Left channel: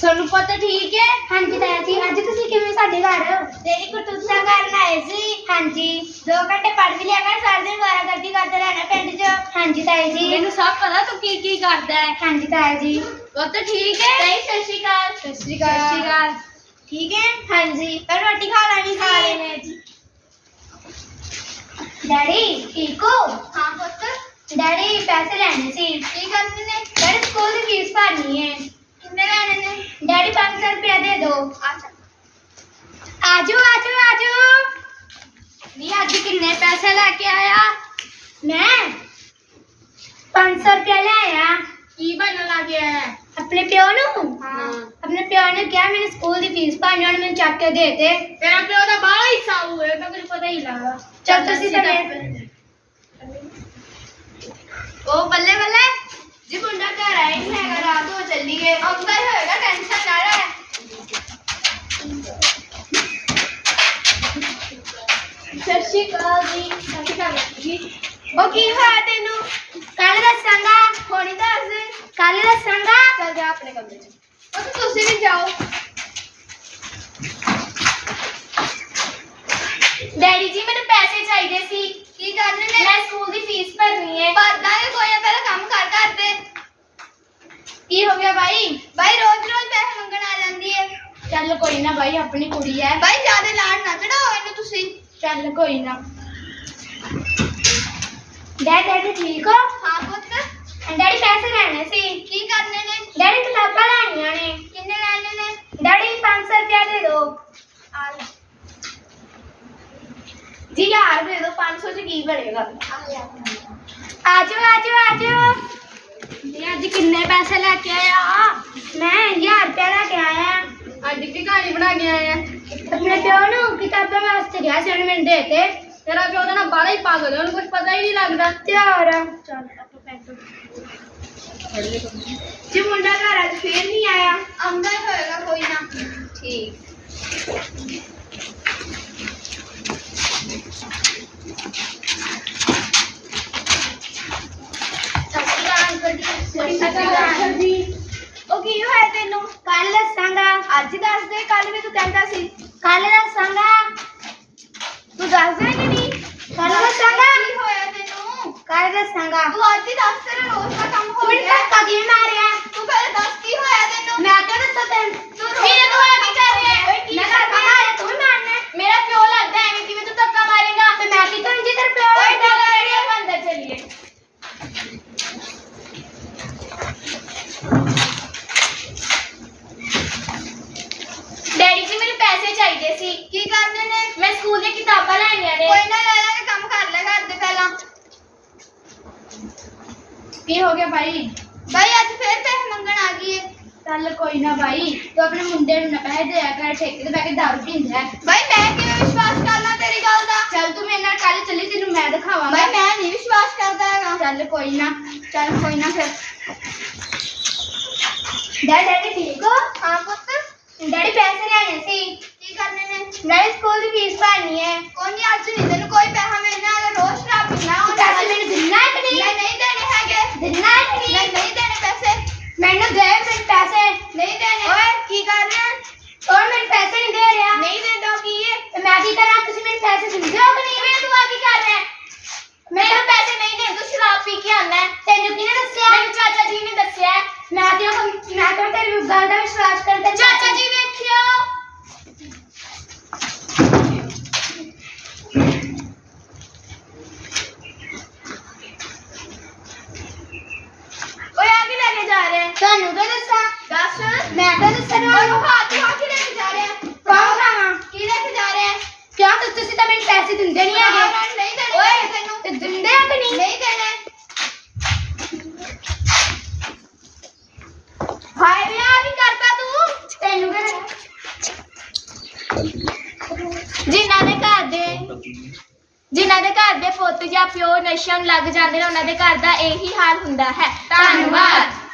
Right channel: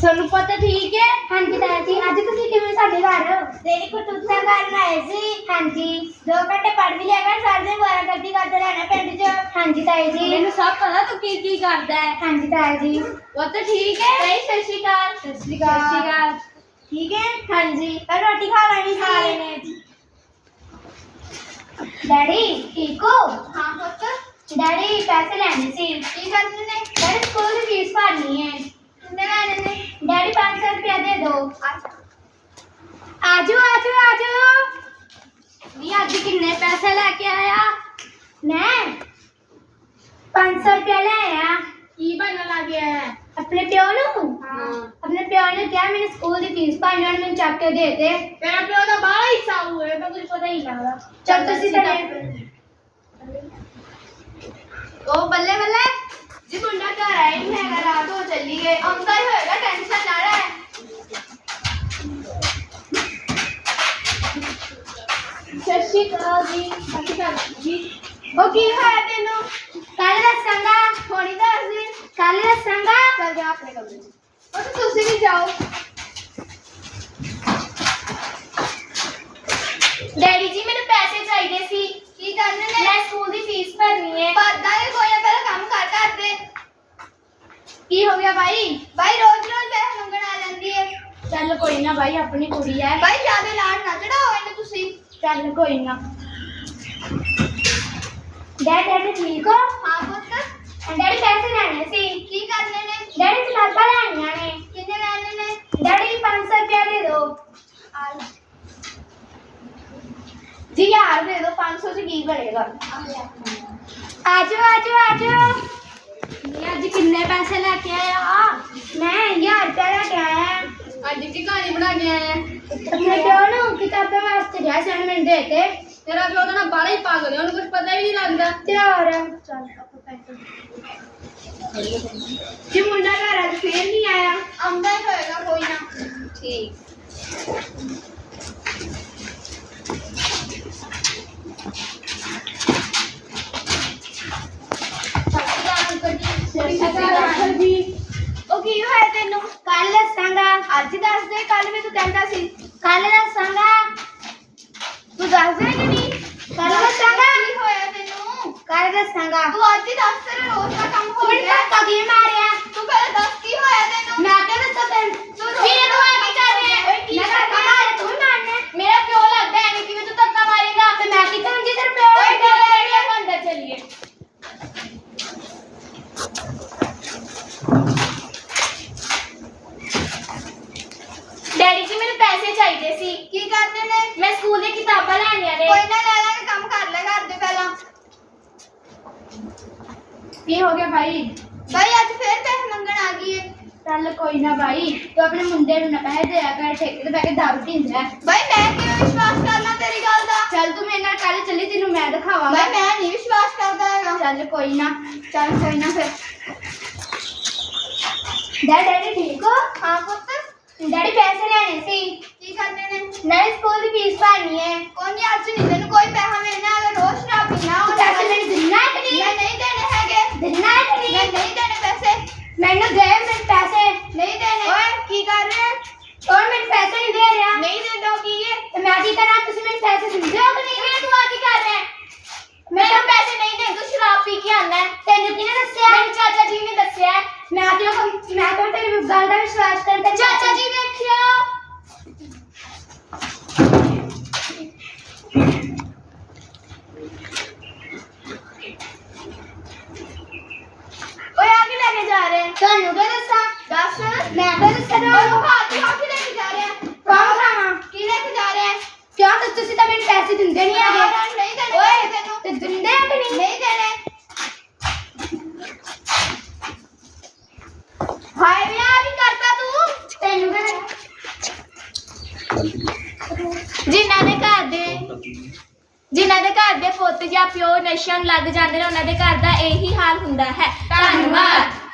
ਸੋਨੂੰ ਪਤਾ ਠੀਕ ਹੈ ਹਾਂਜੀ ਤਾਇਆ ਜੀ ਅੱਜ ਤੁਸੀਂ ਕਿਵੇਂ ਸਾਡੇ ਘਰ ਤੇਰੀ ਕੁਟੁੱਤਾ ਕਰਨ ਆਏ ਸੀ ਹਾਂਜੀ 2 ਘੰਟੇ ਪੜ੍ਹ ਵੀ ਲਿਆ ਕਰ ਸਾਰੇ ਦਿਨ ਗਾਲਾਂ ਕਰਦੀ ਕਰਦੇ ਰਹਿਣਾ ਪਿੰਡ 'ਚ ਹਾਂਜੀ ਤਾਇਆ ਜੀ ਮੈਨੂੰ ਸਭ ਪਤਾ ਤੂੰ ਕੀ ਕੀ ਕਰਦਾ ਹੈ ਹਾਂਜੀ ਤਾਇਆ ਜੀ ਪੁੱਤ ਠੀਕ ਹੈ ਤਾਈ ਸਤਿ ਸ਼੍ਰੀ ਅਕਾਲ ਸਤਿ ਸ਼੍ਰੀ ਅਕਾਲ ਠੀਕ ਹੈ ਹਾਂਜੀ ਪਰ ਰੋਟੀ ਖਾ ਲੈਣੀ ਸੀ ਖਾ ਲੈਣੇ ਜੀ ਡੈਡੀ ਠੀਕ ਹੋ ਹਾਂ ਪੁੱਤ ਡੈਡੀ ਪੈਸੇ ਲੈਣੇ ਸੀ ਕੀ ਕਰਨੇ ਨੇ ਡੈਡੀ ਸਕੂਲ ਦੀ ਫੀਸ ਭਰਨੀ ਹੈ डैडी पाँच सौ रुपया दे दो आजू आजू आजू नी अज किन्ने पैसे लेके आया मैं पाँच सौ रुपया ले आया ਕੀ ਬਣਨ ਲੱਗ ਗਿਆ ਹੈ अपने प्यो नु ਹਾਂ अपने प्यो ने क्या मैंने स्कूल की फीस भरनी और मैंने चक के दे दे ਤੇਰਾ ਪਿਓ ਦਾ ਬਾਹਲਾ ਹੀ ਸਾਊ ਹੈ ਤਾਂ ਕੁਝ ਪਤਾ ਹੀ ਨਹੀਂ ਲੱਗਦਾ चल तुसी तो मेरे- ਉਹ ਬੱਲੇ ਬੱਲੇ ਜੀ ਮੁੰਡਾ ਰਾਤ ਹੋ ਚੱਲੀ ਏ ਆਉਂਦਾ ਹੀ ਹੋਏਗਾ ਟੈਨਸ਼ਨ ਨਾ ਲੈ ਸਤਿ ਸ਼੍ਰੀ ਅਕਾਲ ਜੀ। ਸਤਿ ਸ਼੍ਰੀ ਅਕਾਲ ਜੀ। ਉਹ ਕੀ ਹੋਇਆ ਤੈਨੂੰ? ਕੱਲ ਦੱਸਾਂਗਾ। ਹੋਣੀ ਦੱਸ ਦੇ। ਕੱਲ ਦੱਸਾਂਗਾ। ਚੱਲ ਜਾ ਆਪਣੇ ਕਮਰੇ 'ਚ। ਉਹ ਤਾਂ ਤੁਸੀਂ ਵੀ ਜਾਓ। ਡੈਡੀ ਜੀ ਮੈਨੂੰ ਪੈਸੇ ਚਾਹੀਦੇ ਸੀ। ਕੀ ਕਰਨੇ ਨੇ ਮੈਂ ਸਕੂਲ ਦੀ ਫੀਸ ਭਰਨੀ ਹੈ। ਭਰਦਾ ਹੈ ਕੋਈ ਕੀ ਹੋ ਗਿਆ ਭਾਈ ਭਾਈ ਰੋਜ਼ ਰੋਜ਼ ਪੈਸੇ ਮੰਗਣ ਆ ਜਾਂਦੀ ਹੈ ਚੱਲ ਕੋਈ ਨਾ ਭਾਈ ਆਪਣੀ ਕੁੜੀ ਹੈ ਭਾਈ ਜਿਆਦਾ ਲਾਡ ਨਾ ਚੜਾਓ ਇਹਨੂੰ ਤੁਸੀਂ ਚੱਲ ਕੋਈ ਨਾ ਡੈਡ ਡੈਡੀ ਠੀਕ ਹੋ ਹਾਂ ਪੁੱਤ ਡੈਡੀ ਪੈਸੇ ਲੈਣੇ ਸੀ ਕੀ ਕਰਨੇ ਨੇ ਡੈਡੀ ਕਿਤਾਬਾਂ ਲੈਣੀਆਂ ਨੇ ਕਿੰਨੇ ਲੈਣੇ ਨੇ ਡੈਡੀ 500 ਰੁਪਏ ਦੇ ਦਿਓ ਆ ਲਓ ਜੀ ਯਾਰ ਦੇ ਦੋ 500 ਚ ਕੀ ਬਣੇਗਾ ਆਜੋ ਆਜੋ ਆਜੋ ਮੈਂ ਅੱਜ ਕਿੰਨੇ ਪੈਸੇ ਲੈ ਕੇ ਆਇਆ ਮੈਂ 1000 ਰੁਪਏ ਲੈ ਕੇ ਆਇਆ ਅੱਜ ਕੀ ਕਹਾਣੀ ਬਣਾ ਕੇ ਆਇਆ ਆਪਣੇ ਪਿਓ ਨੂੰ ਕਿਤਾਬਾਂ ਵਾਸਤੇ ਗਿਆ ਸੀ ਉਹਨੇ ਮੈਨੂੰ ਦੇ ਤੇ ਤੇਰਾ ਪਿਓ ਤਾਂ ਨਾ ਬਾਹਲਾ ਹੀ ਪਾਗਲ ਹੈ ਉਹਨੂੰ ਕੁਝ ਪਤਾ ਹੀ ਨਹੀਂ ਲੱਗਦਾ ਤੇ ਹੋਰ ਚੱਲ ਆਪਾਂ ਪੈਸੇ ਜੀ ਮੁੰਡਾ ਘਰ ਅੱਜ ਫੇਰ ਨਹੀਂ ਆਇਆ ਆਉਂਦਾ ਹੀ ਹੋਏਗਾ ਕੋਈ ਨਾ ਠੀਕ ਅੱਜ ਦੱਸ ਦੇ ਕੱਲ ਵੀ ਤੂੰ ਕਹਿੰਦਾ ਸੀ। ਕੱਲ ਦੱਸਾਂਗਾ ਤੂੰ ਦੱਸਦਾ ਕਿ ਨਹੀਂ? ਕੱਲ ਦੱਸਾਂਗਾ ਕੀ ਹੋਇਆ ਤੈਨੂੰ? ਕੱਲ ਦੱਸਾਂਗਾ ਤੂੰ ਅੱਜ ਹੀ ਦੱਸ ਤੇਰਾ ਰੋਜ਼ ਦਾ ਕੰਮ ਹੋ ਗਿਆ ਮੈਨੂੰ ਧੱਕਾ ਕਿਵੇਂ ਮਾਰਿਆ? ਕੋਈ ਨਾ ਲੈ ਲਾਂਗੇ ਕੰਮ ਕਰ ਲੈ ਘਰ ਦੇ ਪਹਿਲਾਂ ਕੀ ਹੋ ਗਿਆ ਭਾਈ ਭਾਈ ਅੱਜ ਫੇਰ ਪੈਸੇ ਮੰਗਣ ਆ ਗਈ ਏ ਚੱਲ ਕੋਈ ਨਾ ਭਾਈ ਤੂੰ ਆਪਣੇ ਮੁੰਡੇ ਨੂੰ ਨਾ ਪੈਸੇ ਦਿਆ ਕਰ ਠੇਕੇ ਤੇ ਬੈ ਕੇ ਦਾਰੂ ਪੀਂਦਾ ਹੈ ਭਾਈ ਮੈਂ ਕਿਵੇਂ ਵਿਸ਼ਵਾਸ ਕਰ ਲਾਂ ਤੇਰੀ ਗੱਲ ਦਾ ਚੱਲ ਤੂੰ ਮੇਰੇ ਨਾਲ ਕੱਲ ਚੱਲੀ ਤੈਨੂੰ ਮੈਂ ਦਿਖਾਵਾਂਗਾ ਭਾਈ ਮੈਂ ਨਹੀਂ ਵਿਸ਼ਵਾਸ ਕਰਦਾ ਹੈਗਾ ਚੱਲ ਕੋਈ ਨਾ ਚੱਲ ਕੋਈ ਨਾ ਫਿਰ ਡੈਡੀ ਡੈਡੀ ਠੀਕ ਹੋ ਹਾਂ ਪੁੱਤ ਡੈਡੀ ਪੈਸੇ ਲੈਣੇ ਸੀ ਕੀ ਕਰਨੇ ਨੇ ਨਹੀਂ ਸਕੂਲ ਦੀ ਫੀਸ ਭਰਨੀ तेरी गल का विश्वास करता ਚਾਚਾ ਜੀ ਵੇਖਿਓ ਓਏ ਆ ਕੀ ਲੈ ਕੇ ਜਾ ਰਿਹਾ ਹੈ ਤੁਹਾਨੂੰ क्या दसा ਦੱਸ मैं तो दसना ਓਏ ਉਹ ਹੱਥ ਹੱਥ ਲੈ ਕੇ ਜਾ ਰਿਹਾ ਹੈ कौन खावा ਕੀ ਲੈ ਕੇ ਜਾ ਰਿਹਾ ਹੈ क्या तो तुसी तो मेरे पैसे दिंदे नहीं है ਨਹੀਂ ਦੇਣੇ ਓਏ ਪੈਸੇ ਤੈਨੂੰ ते दिंदे है कि नहीं ਨਹੀਂ ਦੇਣੇ ਹਾਏ ਵੀ ਆ ਕੀ ਕਰਦਾ ਤੂੰ ਜਿਨ੍ਹਾਂ ਦੇ ਘਰ ਦੇ ਜਿਨ੍ਹਾਂ ਦੇ ਘਰ ਦੇ ਪੁੱਤ ਜਾਂ ਪਿਓ ਨਸ਼ਿਆਂ ਨੂੰ ਲੱਗ ਜਾਂਦੇ ਨੇ, ਉਹਨਾਂ ਦੇ ਘਰ ਦਾ ਇਹੀ ਹਾਲ ਹੁੰਦਾ ਹੈ। ਧੰਨਵਾਦ।